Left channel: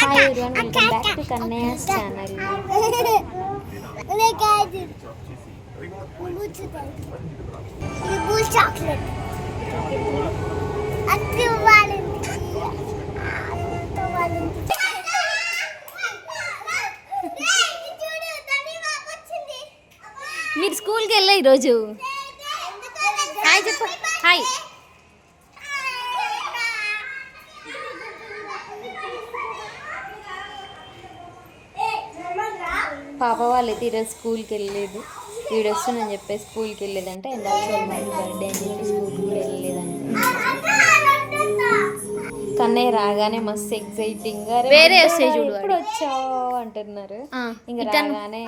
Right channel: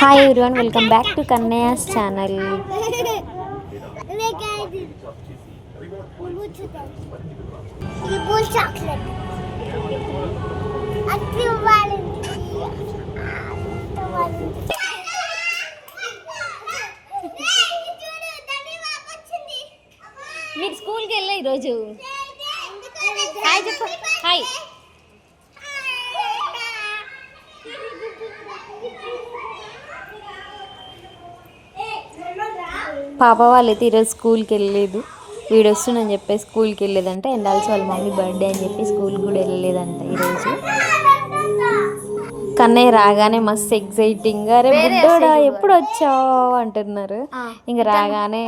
Hi everyone, welcome back to Kannayya's channel. మీరు స్కూల్కి వెళ్ళా ఈరోజు? హాయ్ చెప్పు. హాయ్. పాప వాళ్ళైతే ఈరోజు స్కూల్కి వెళ్ళలేదు. వీడు వస్తుందని చెప్పి స్కూల్కి వెళ్ళలేదంట. అండ్ ఆల్సో వాళ్ళ మమ్మీ బర్త్డే అని చెప్పి స్కూల్కి కూడా వెళ్ళలేదంట ఈరోజు. కన్నయ్య రాగానే మస్తు ఎక్సైటింగ్గా ఎప్పుడు వచ్చావు అంటున్నారు. ఇంకా రాగానే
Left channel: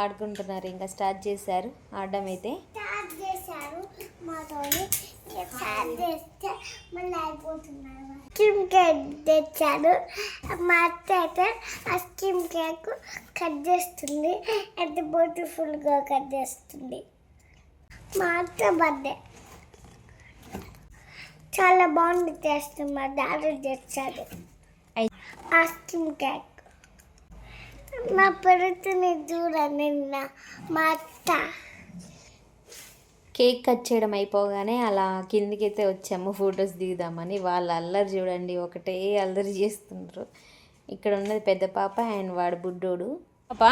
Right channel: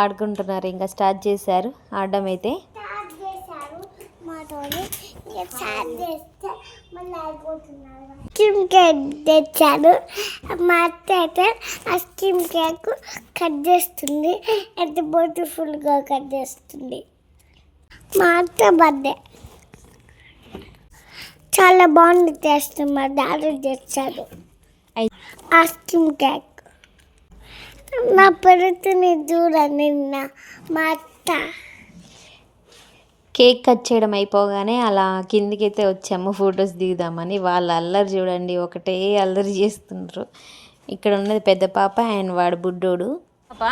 ఆడుకుంటున్నారు. ఇంకా స్టార్ట్ చేశారు ఆడడం అయితే. స్కిమ్ కేక్ తెచ్చాను. మా అత్త అయితే ఆ స్కిమ్ కేక్ కట్ చేస్తుంది. ఎంత బ్యూటిఫుల్గా కట్ చేస్తుంది. మా అత్త బర్త్డే చాలా బాగుంది చేస్తుంది. మా డాడీ తెచ్చాడు ఆ స్కిమ్ కేక్. నా పెరుగుతుని చూడండి మా అత్త. కేక్ కట్ చేయడం అయిపోగానే అలా కిందికైతే వచ్చాము ఫొటోస్ దిగుదామని. వాళ్ళ అల్లరి చూడండి, ఒకటే అల్లరి చేస్తుండ్రు. ఇక్కడ ఉన్నది పెద్ద పాప అండ్ వాడు బుడ్డోడు. పాప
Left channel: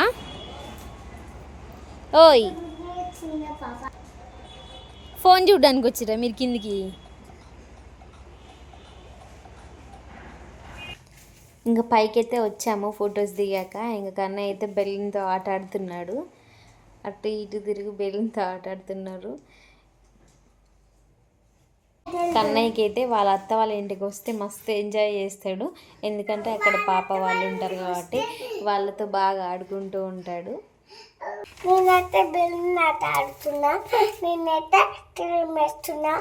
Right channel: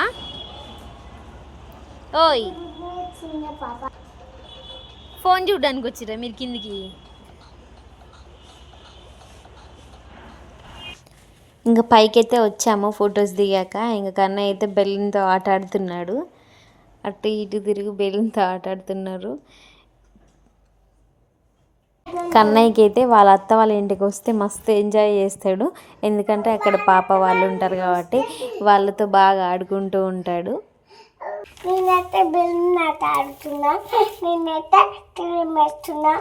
ఓయ్, ఫోన్ చూడడానికి వచ్చిరా మీరు కిందికి? ఇంకా పైకైతే వచ్చాము ఫొటోస్ దిగాక. ఇంకా కన్నయ్య అయితే బెలూన్తో ఆట ఆడుతున్నాడు. అటు ఇటు తిరిగి బెలూన్తో ఆట ఆడుతున్నారు. కన్నయ్యకి అయితే వాళ్ళ అత్త వాళ్ళ ఇంటికి వస్తే మస్తు ఎంజాయ్ చేస్తాడు. ఎందుకంటే అక్కడ పాప వాళ్ళు ఉంటారు కాబట్టి వాళ్ళతో బాగా ఆడుకుంటూ ఉంటాడు. నేనైతే బెలూన్ ఆట ఆడుతున్నా. నేనైతే క్రీమ్ వేస్తున్నా.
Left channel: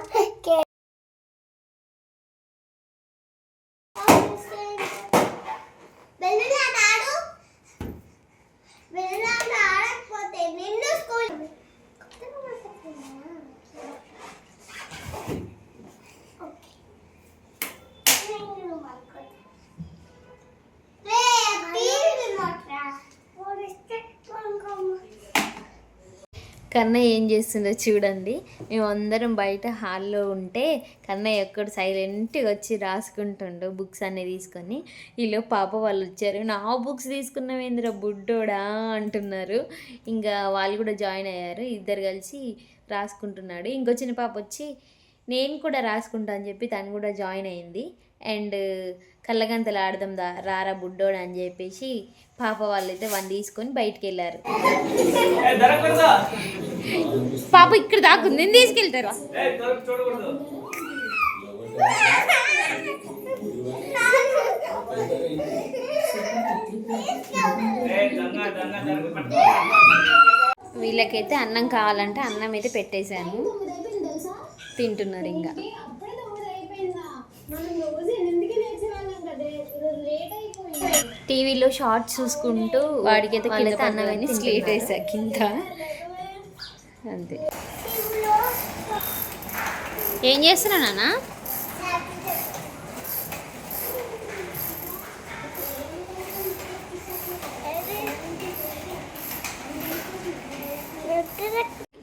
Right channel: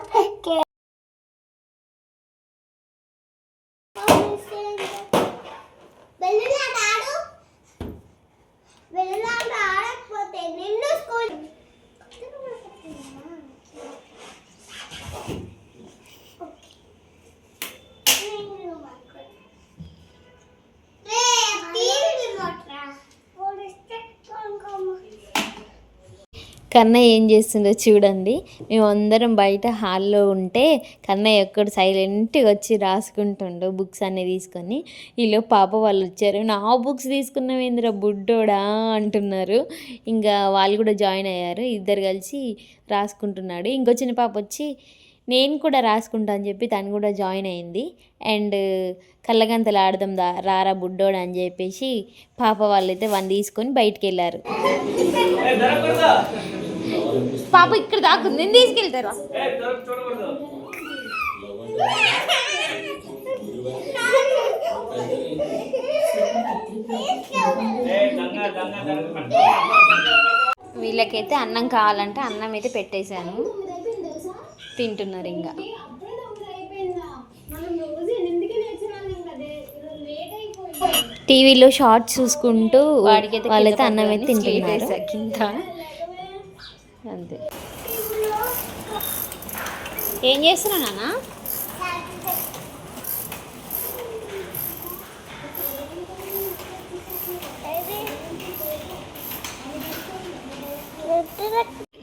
కన్నయ్య ఏం చేస్తుండో చూడండి. మేమందరం బయట హాల్లో ఉంటే కన్నయ్య ఒక్కడు సైలెంట్గా వచ్చి రాసుకుంటుండో బుక్స్ అన్నీ తీసుకొని. వీళ్ళు పాప వాళ్ళు వచ్చారు. నా బుక్స్ తీసుకున్నావేంద్ర బుడ్డోడా అంటున్నారు. ఇంకా వాళ్ళు కూడా జాయిన్ అయ్యారు. ఇద్దరు కలిసి రాసుకుంటున్నాడు. ఇంకో చిన్న పాప వచ్చి నేను కూడా రాసుకుంటా అని చెప్పి తను కూడా జాయిన్ అయింది. అండ్ కళ్ళగంతలు ఆడదాం రారా బుడ్డోడు అని చెప్పేసి పాప వాళ్ళైతే వన్ తీసుకొని బయటికి వెళ్ళారు. పాప ఇక్కడ దాకుంది, నేను తీసుకెళ్తారా? వీళ్ళకైతే అన్నం కావాలంటే అన్నం అయితే పెట్టేశాను, తింటున్నారు. ఇంకా టీవీలో షార్ట్స్ చూసుకుంటూ వాడికైతే వాళ్ళైతే అన్నం అయితే తింటున్నారు కింద. అంతే. ఏం చేస్తున్నా నాన్న?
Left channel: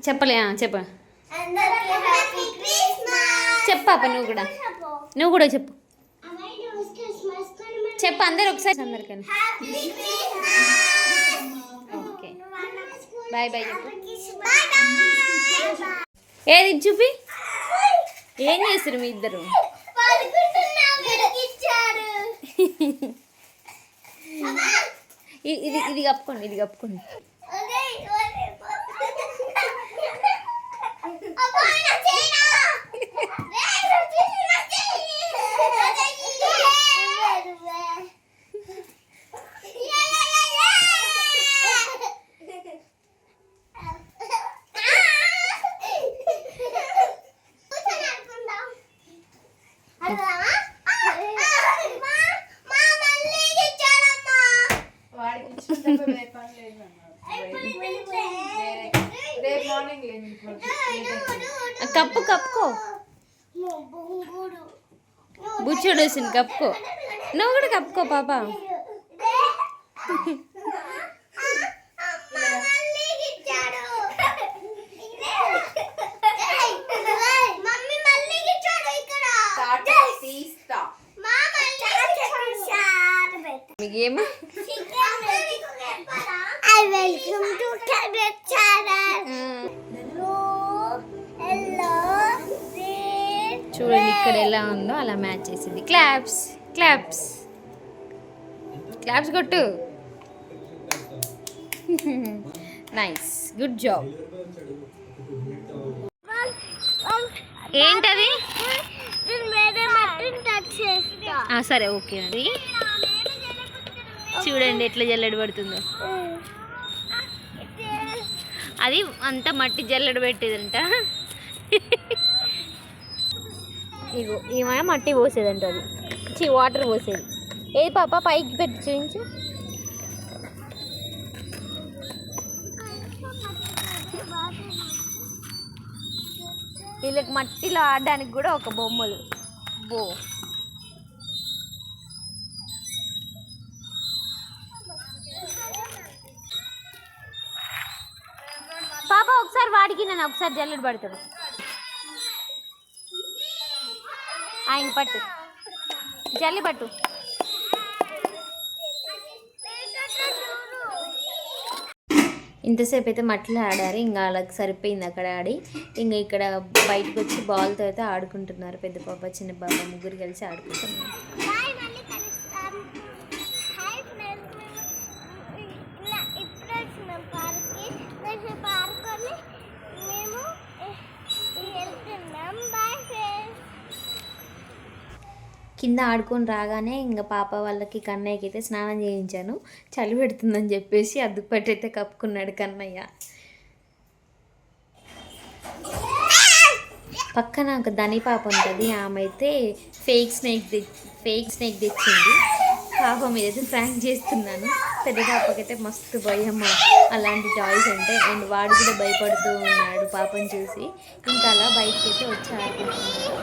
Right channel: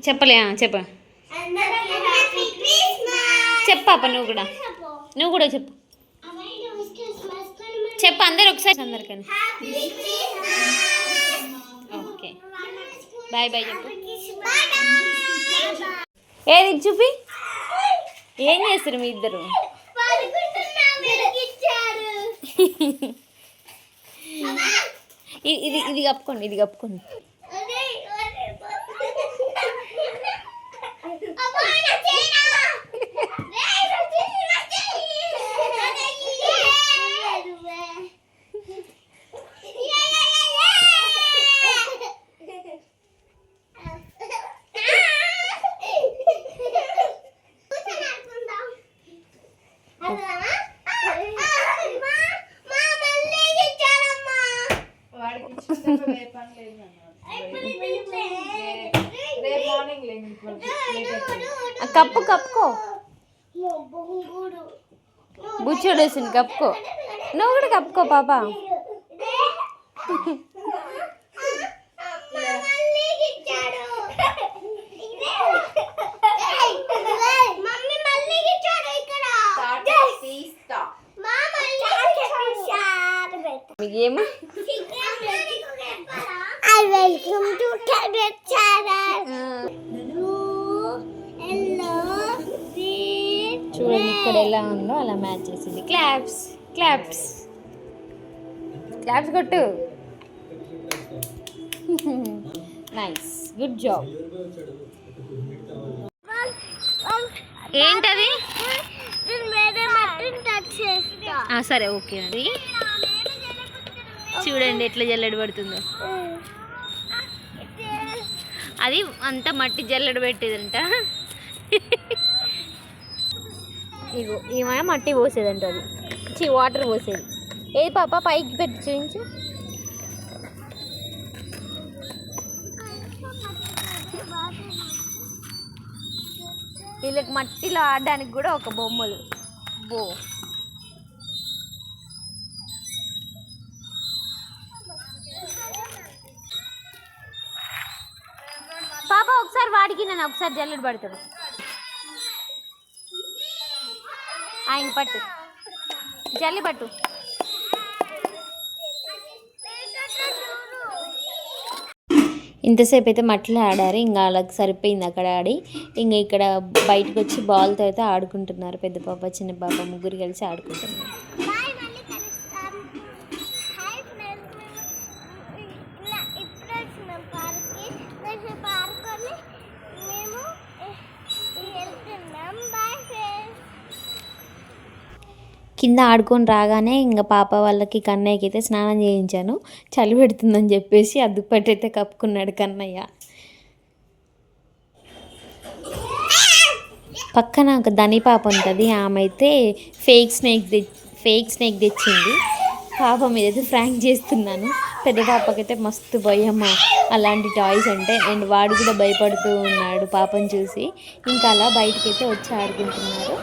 చెప్పలే చెప్ప చెప్పాప నువ్వు కూడా చెప్పు. చెప్పు అందరు ఒకసారి, అందరికన్నా. ఓకే, బాయ్ బాయ్ చెప్పు. ఏది చూపి, ఏం చేస్తారు మీ ఇద్దరు? ఇది ఇది కప్పుకోండి, ఇది కప్పుకోండి. కప్పుకో, బుచ్చోడు వేసింది కప్పుకో. నువ్వు కూడా కప్పుకో పాప. మీకేమో వెల్కమ్ టు క్యాబెట్ ఛానల్. హలో చూడండి ఇక్కడ ఎలా ఉందో అలా మ్యాచ్ చేసింది. క్లాప్స్ క్లాప్స్ క్లాప్స్ కొట్టు. Nice, good job. ఏంటది? సరే ఓకే అండి. చూడండి ఎట్లా జల్లెడ పడుతుందో. అది అంత మట్టి జల్లెడ పెట్టేదంట. ఇగో ఈమె మట్టి పోసేదంట, అది వాటర్ పోసేది. ఏది పాప పైకి పెట్టి చూపించు. వీళ్ళకి మట్టిలో ఆడడానికి కూడా ఒక బొమ్మలు. బో పాప ఒకసారి వాడికి నేను ఒకసారి జల్లెడ పడతాడు. ఆయన పట్టు, జల్లి పట్టు. ఇంతసేపు అయితే మట్టిలో ఆడారు, ఇంకా వాళ్ళకి సరిపోయింది అక్కడ ఆడి. ఇంకా ఇక్కడ బయటకు వచ్చి బాల్తో అయితే ఆడుకుంటున్నారు. పెద్ద పాప చిన్న పాప ముగ్గురు కలిసి ఆడుకుంటున్నారు. కింద ఆడుకొని రాగానే ఇంకా పాప వాళ్ళకి కన్నయ్యకి అయితే స్నానం చేయించాను. చలి పెడుతుందని చెప్పేసి ఆ దుప్పటి అయితే కప్పుకున్నాడు కన్నయ్య. పక్కన ఒక ధని పాప ఉంటుంది, ఆమె అయితే ఫేక్ స్నేక్ తెచ్చింది. పాప మీద అయితే ఫ్రాంక్ చేస్తున్నాను. పెద్ద పాపకైతే మస్తు భయమ్మ అలాంటి టాయ్స్ అంటే, అండ్ వాడు కూడా భయపడుతూ ఉన్నాడు పాపను చూసి. ఇంకా అలా బయటకి అయితే వచ్చి ఆడుకుంటున్నారు.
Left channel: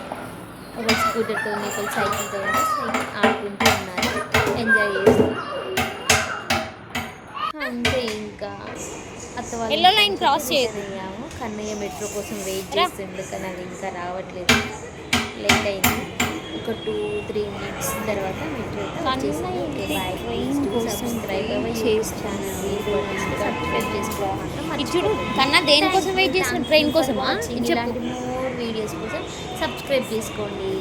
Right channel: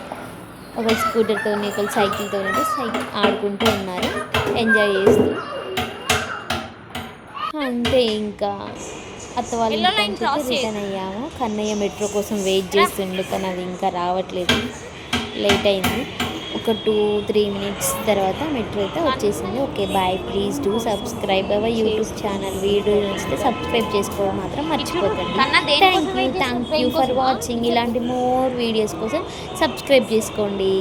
ఒక స్కూటర్తో ఒకరు సైకిల్తో ఆడుకుంటూ ఉన్నారు, ఎంజాయ్ చేస్తూ. అంతే ఇంకా అత్త వాళ్ళు అయ్యాము. కన్నయ్య మెట్రో కోసం వెయిట్ చేస్తుండు, కానీ అది ఇంకా రావట్లేదు, లేట్ అయింది. ఒక 2-3 మినిట్స్ తర్వాత మెట్రో అయితే వచ్చేసింది. Okay bye. Please do subscribe our YouTube channel. Video నచ్చితే సబ్స్క్రైబ్ చేసుకోవాలి మాత్రం మర్చిపోకండి. వాచింగ్ ఇలాంటి మోర్ వీడియోస్ కోసం సబ్స్క్రైబ్ చేసుకోండి.